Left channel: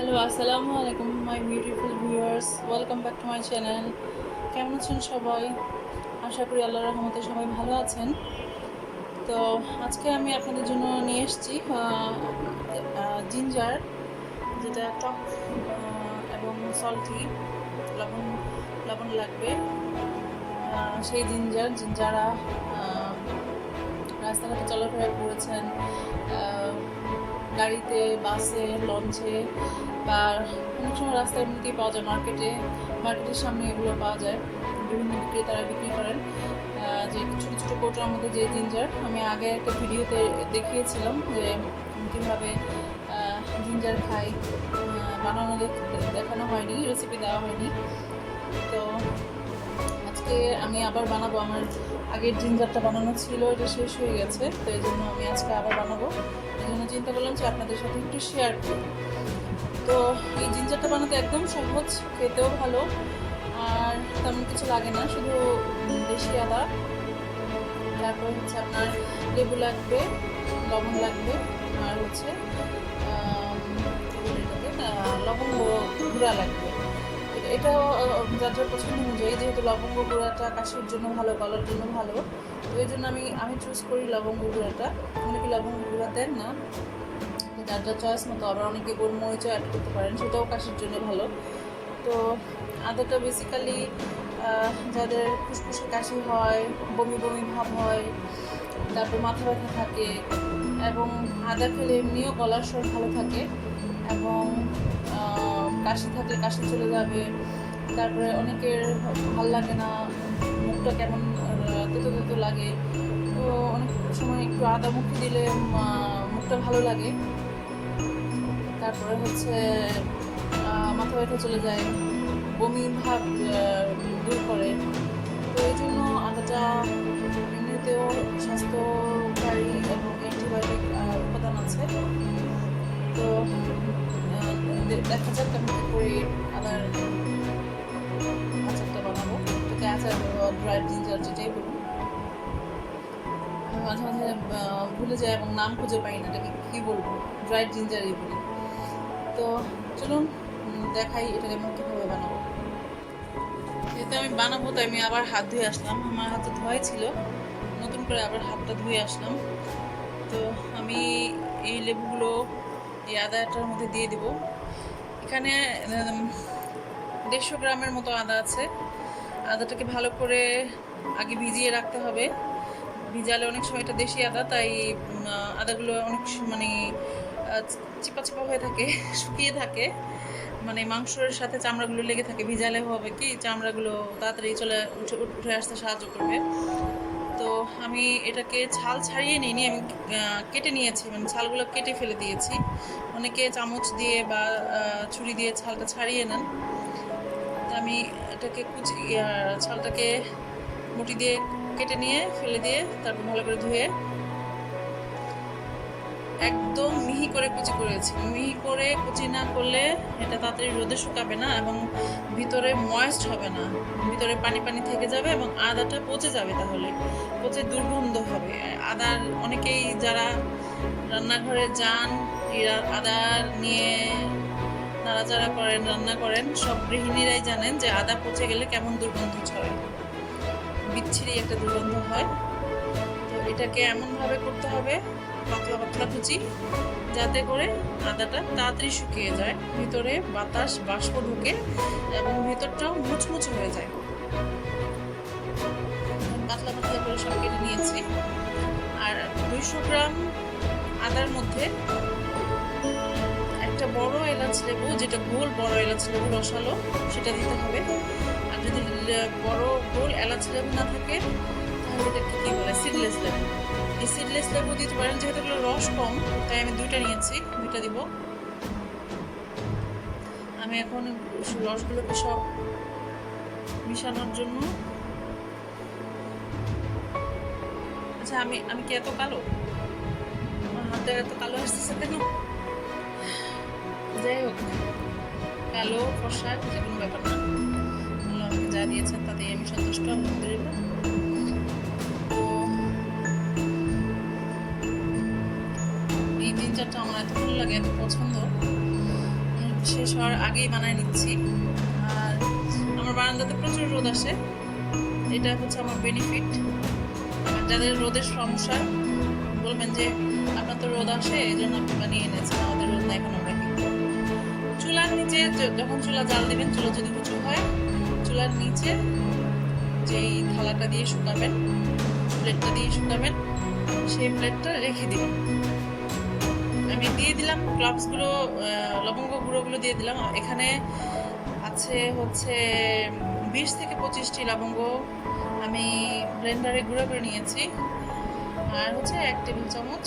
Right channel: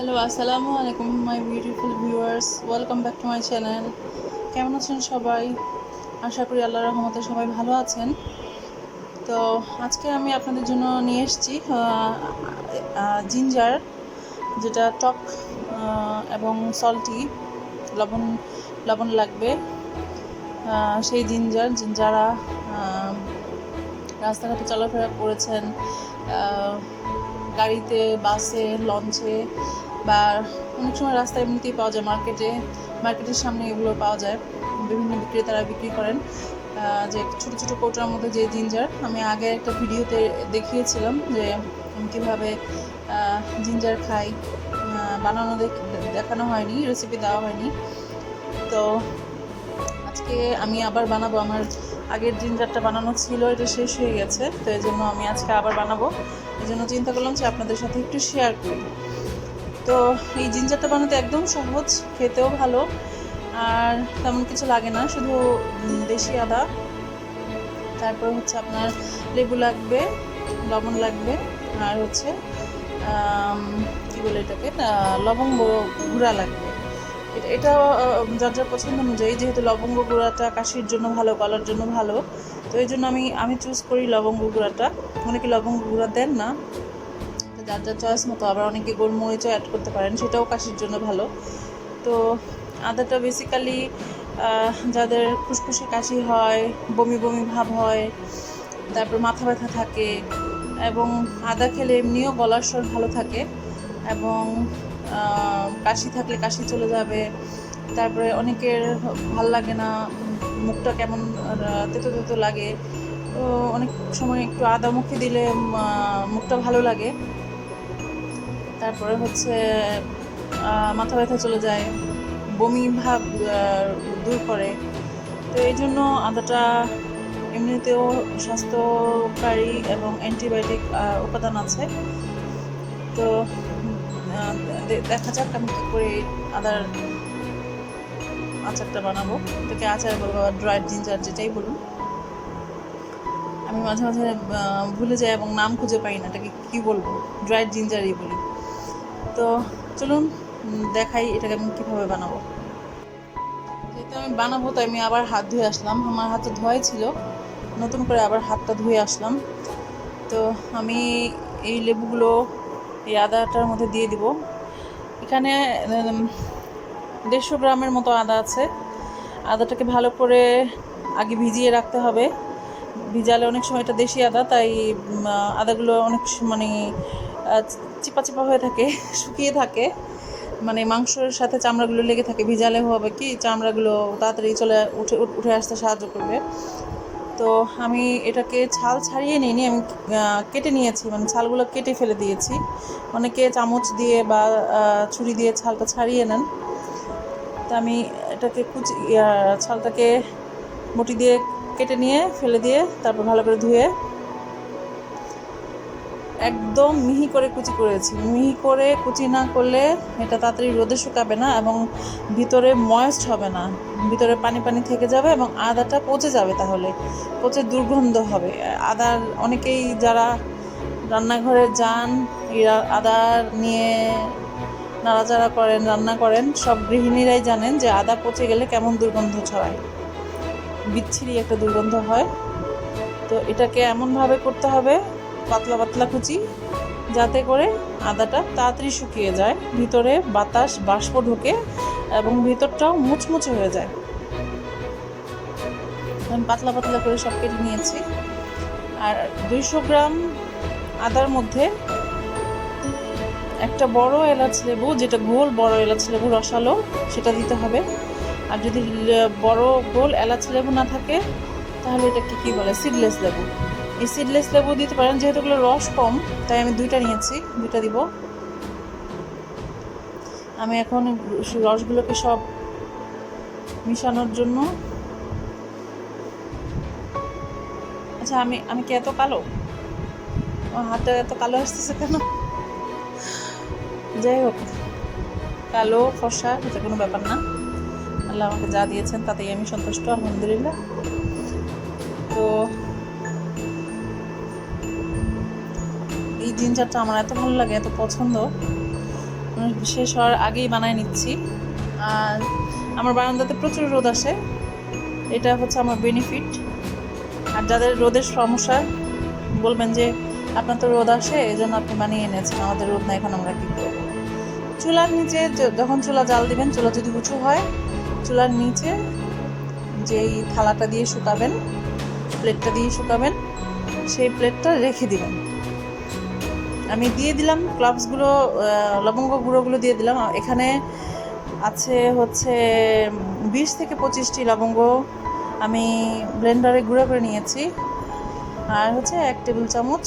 Hello, আসসালামু আলাইকুম my beautiful viewers, welcome back to my channel. কেমন আছেন সবাই? আশা করি আল্লাহর রহমতে সবাই ভালো আছেন। তো আজকে আমি আপনাদের জন্য নিয়ে এসেছি জিঞ্জার, যেটা টক এবং সল্টি, লবণ লবণ লাগবে। সেই জিঞ্জার যারা রাস্তাঘাটে চলাফেরা করেছেন, গাড়িতে, বাসে, লঞ্চে, বা অনেক সময় রাস্তায় এমনিতেই পাওয়া যায়, মার্কেটের সামনে এগুলো পাওয়া যায়। বিভিন্ন বিক্রেতারা বিক্রি করেন যে ছোটো ছোটো কৌটার মধ্যে যে জিঞ্জার। আমি আগে একটা ভিডিওতে দেখিয়েছিলাম যে কীভাবে জিঞ্জার খাই, বানানো দেখানো হয়নি, রেসিপি দেওয়া হয়নি। তো আজকে আমি আবার বানাবো। আমার আগের জিঞ্জারটা বানানো ছিল, এটা শেষ হয়ে গেছে, তো এই জন্য আমি আজকে আবার বানাবো। এই জন্য চিন্তা করলাম যে আপনাদের সাথে একটু শেয়ার করি। তো এই জিঞ্জারটা বানাতে একদম সহজ, খেতেও ভালো, আর তেমন কিছু লাগে না, শুধু দেশি আদা, তারপর হচ্ছে আপনার লেবু লাগবে, লবণ লাগবে, আর হচ্ছে কী বলে এটাকে, লবঙ্গ গুঁড়া লাগবে। এটা যার যার পছন্দ অনুযায়ী, যেহেতু লবঙ্গ গুঁড়াটা কাশির জন্য ভালো, গলার জন্য ভালো, তো এই জন্য আমি চুজ করি লবঙ্গ গুঁড়াটা। অনেকে লবঙ্গ গুঁড়া দেন না, যার যার চয়েস মতো। আবার অনেকে গোলমরিচও অ্যাড করতে পারেন, সেটাও কাশির জন্য ভালো। তো আদাটা বেসিক্যালি যাদের ফুসফুসে কাশি হয়, বমি বমি ভাব হয়, তারপর মাথা ব্যথা থাকে, এবং আদা খেলে এমনিও গলার স্বর ভালো থাকে, এবং কাশি থাকলে কাশি চলে যাবে। তারপরে অনেকের ভাল লাগে না, মুখটা কেমন তেতো তেতো লাগে, তো অনেক সময় একটু আদা মুখে দিলে মুখটা ভালো লাগে। তারপরে হচ্ছে মাথা ব্যথা চলে যায়, বমি ভাব দূর করে। তো এই জন্য আদাটা এমনিতেও স্বাস্থ্যকারী এবং অ্যান্টিবায়োটিক উপাদান আছে। তো দেখা যাক আমি কী করে আদার আচারটা বানাবো। এটাকে আচার বলবো বা ড্রাইড জিঞ্জার, যেটাই বলুন। আমি মাঝে মাঝে ভুলে যাই এবং নাম খুঁজে পাই না, এটাকে কী বলবো, ড্রাইড জিঞ্জারই বলি। তো চলুন দেখাই এটাকে আমি কীভাবে বানাবো। যেহেতু আমি বানাবো, তাই আমি আবার হাত ধুয়ে আসলাম। আমার হাত তো ধোয়াই ছিল, নতুন করে আবার হাতটা ধুয়ে আসলাম। তো আমি এই লেবুগুলো এই আদাটার মধ্যে দিয়ে দিব। এখানে 150 গ্রামের মতো আদা আছে। আদাটাকে ভালো করে আগে ভিজিয়ে রাখতে হবে। ভিজালে অনেক সময়, এটা দেশি আদা, তাই আদাগুলো অনেক মানে চিপা চিপা হয়ে থাকে, শুকিয়ে থাকে, মানে মাংসের সাথে চামড়াগুলো লেগে থাকে। ভিজালে হবে কি, চামড়াগুলো তাড়াতাড়ি উঠে আসতে সাহায্য করবে। তো আমি এটাকে ছাল ছাড়িয়ে নিইনি, আমি কেটে নিয়েছি, মানে ছালগুলো কেটে ফেলে দিয়েছি। অনেকে চামচ দিয়ে বা ছুরি দিয়ে ছালটা ছাড়িয়ে নেন। তা আমি এটাকে ছালটাকে বটি দিয়ে কেটে নিয়ে ফেলে দিয়ে, তারপর ভালো করে ধুয়ে একদম মিহি করে কুচি করেছি। মিহি করে কুচি না করলে এটা তাড়াতাড়ি রোদে শুকাবে না, এবং ভিতরে ময়েস্ট হবে না, ভিতরে পানি পানি থেকে যাবে, এবং আদাটা পচে যাবে, তাহলে পচে দুর্গন্ধ হবে। আদার অনেকেই যারা রান্নাঘরে যান, আদা নিয়ে নাড়াচাড়া করেন, রান্না করেন, সব গৃহিণীরাই জানেন যে আদা পচে গেলে কেমন দুর্গন্ধ ছড়ায়, বিচ্ছিরি একটা দুর্গন্ধ হয়। তো এটাকে এমনভাবে করতে হবে, পাতলা পাতলা কুচি, যাতে করে আদাটা তাড়াতাড়ি শুকিয়ে যায়, ভিতরে বাতাস বাষ্প ঢোকে, এবং ভিতরটাও মুচমুচে হয়ে যায়। আমি পাতলা পাতলা করে সব কেটে নিয়েছি। আর 200 গ্রাম আদার মধ্যে একটা বড় এলাচ লেবু, যেটা গোল বড় এলাচ লেবু রসালো, সেটা দিতে হবে। আর যদি বড় গোল এলাচ লেবু না থাকে, তাহলে এটাকে কী বলে, সিডলেস লেবু। এই সিডলেস লেবু দিতে পারেন, যেহেতু এগুলো রস কম, তাই আমি 2টা নিয়েছি, 2টা দিব। আমি এখন রসগুলোকে সব মিশানোর জন্য, আচ্ছা আমি কি এত কালো, আমার হাতে এত কালো আসতেছে কেন? যাই হোক, কালো ফর্সা এটা কোনো ব্যাপার না, আল্লাহ আমাকে যা দিয়েছেন তাতেই আমি সন্তুষ্ট, আলহামদুলিল্লাহ। তো এই জিঞ্জারটা আমার এত ভালো লাগে, এত পছন্দ, শেষ হওয়ার আগেই বানায় নিচ্ছি। আর আমার বারান্দাতে প্রচুর রোদ আসে, এটা হচ্ছে আমার বেনিফিট। আর যাদের রোদের সমস্যা বলবেন যে আপনার তো রোদ আসে এই জন্য আপনি বানিয়ে এনেছেন, আমাদের রোদ না, এখন আমরা কী করবো। চুলার নিচে যখন চুলা জাল দিবেন, চুলা যদি উঁচু হয়, চুলার নিচে যেই থালাটা দিয়ে শুকাবেন, প্লেটটা দিয়ে শুকাবেন, সেই প্লেটটা রেখে দিবেন। আমি দিয়ে দিলাম ক্লাভসগুলো, লবঙ্গ গুঁড়োগুলো দিয়ে দিলাম। এখানে আছে হচ্ছে 20 থেকে 25টি লবঙ্গ আমি ব্লেন্ডারে গুঁড়ো করে নিয়েছি। আর হচ্ছে 1 টেবিল চামচ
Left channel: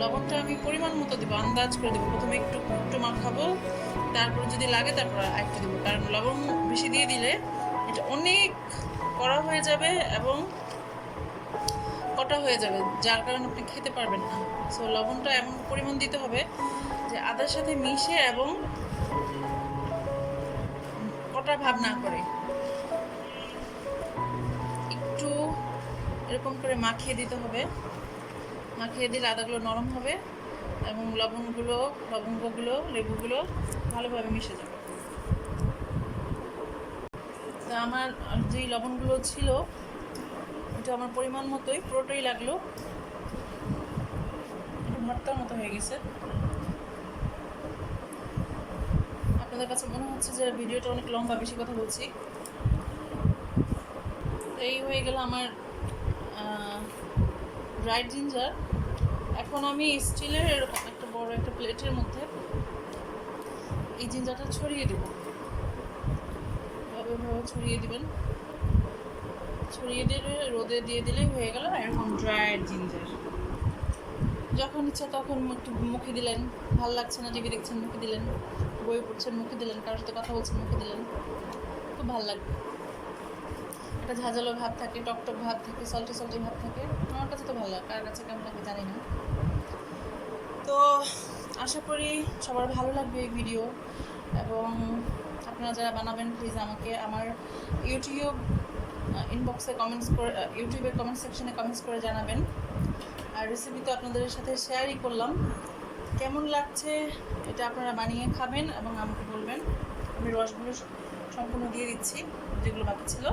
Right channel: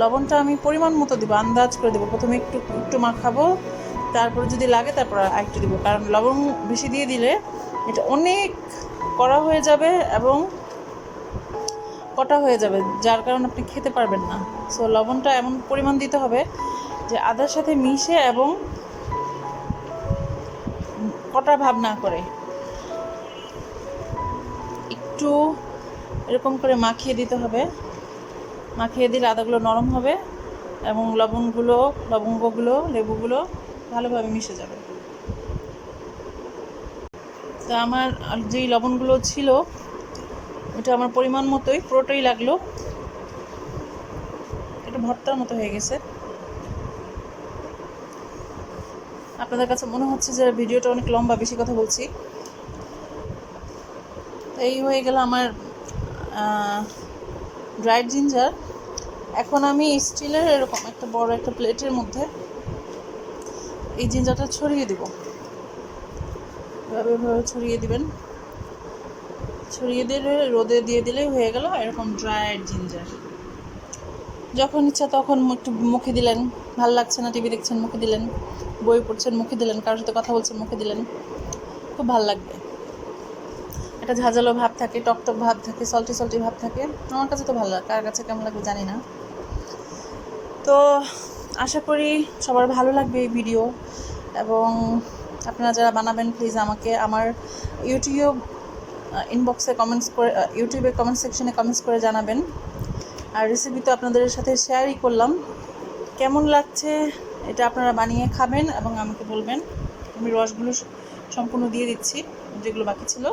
লবণটা আমি পরিমাণ মতো দেবো, আন্দাজ করে দেবো। প্রথমে একটু মাখাবো, তারপরে যদি লাগে তারপর আরেকটু দেবো, কারণ লবণ বেশি দিয়ে দিলে এটা অনেক কড়া হয়ে যাবে এবং কটা হয়ে যাবে, যার কারণে আপনি খেতে পারবেন না। সো লবণটা এমন পরিমাণ দিতে হবে যে আদার সাথে মিশে এবং কটা ভাব না করে, একটু এরকম করে মাখিয়ে দিতে হবে। মাখিয়ে দিলে আদাগুলো নরম হবে এবং লবঙ্গগুলো, লেবুগুলো ভালোভাবে মিশে যাবে। তো আমার যেই লবণগুলো ছিল ওটা আমার পরিমাণ মতোই পুরোটাই লাগলো, একটু ভর্তার মতো হয়ে গেছে। আপনাদের কাছে মনে হচ্ছে যে ভিডিওটা অনেক লম্বা, বেশি কথা বলছি। তো এই হয়ে গেল আমার ড্রাইড জিঞ্জার। এখন আমি স্টিলের এরকম একটা বড় একটা প্লেটের মধ্যে এই জিঞ্জারটা ছড়িয়ে দেব। এভাবে ছড়িয়ে দিবেন, ছড়িয়ে দিলে রোদে দিয়ে দিলেই হয়ে গেল এরকম ড্রাইড জিঞ্জার। যখন ইচ্ছা তখন একটু মুখে দিলেন, ভালো লাগছে না টিভি দেখছেন মুখে দিলেন, বই পড়ছেন মুখে দিলেন, কারোর সাথে কথা বলছেন মুখে দিলেন, খুব ভালো লাগবে। একটা ঝাঁঝালো ভাব থাকে, টকটক ভাব থাকে, সল্টি ভাব থাকে। আমার কাছে তো ভালো লাগে, কার কাছে কেমন লাগবে জানি না। তো আশা করি সবার ভালো লাগবে এই ভিডিও, এবং আপনারা যারা বানাবেন প্লিজ আমাকে আমার ইউটিউবে কমেন্ট সেকশনে কমেন্টস করে জানাবেন। আর রেসিপি তো আপনাদের সাথে শেয়ারই করলাম, কেমন লাগছে এটা আপনারা বানিয়ে খাবেন এবং আমাকে বলবেন। আমি রসগুলো সম্পূর্ণ দিয়ে দিচ্ছি, যেগুলো বাকি ছিল।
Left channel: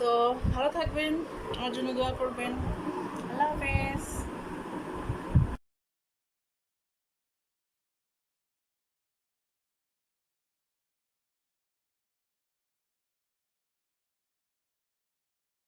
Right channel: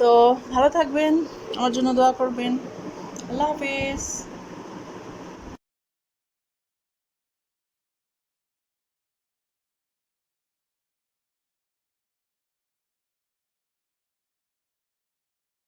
তো ভালো থাকবেন, আমার জন্য দোয়া করবেন। আল্লাহ হাফেজ।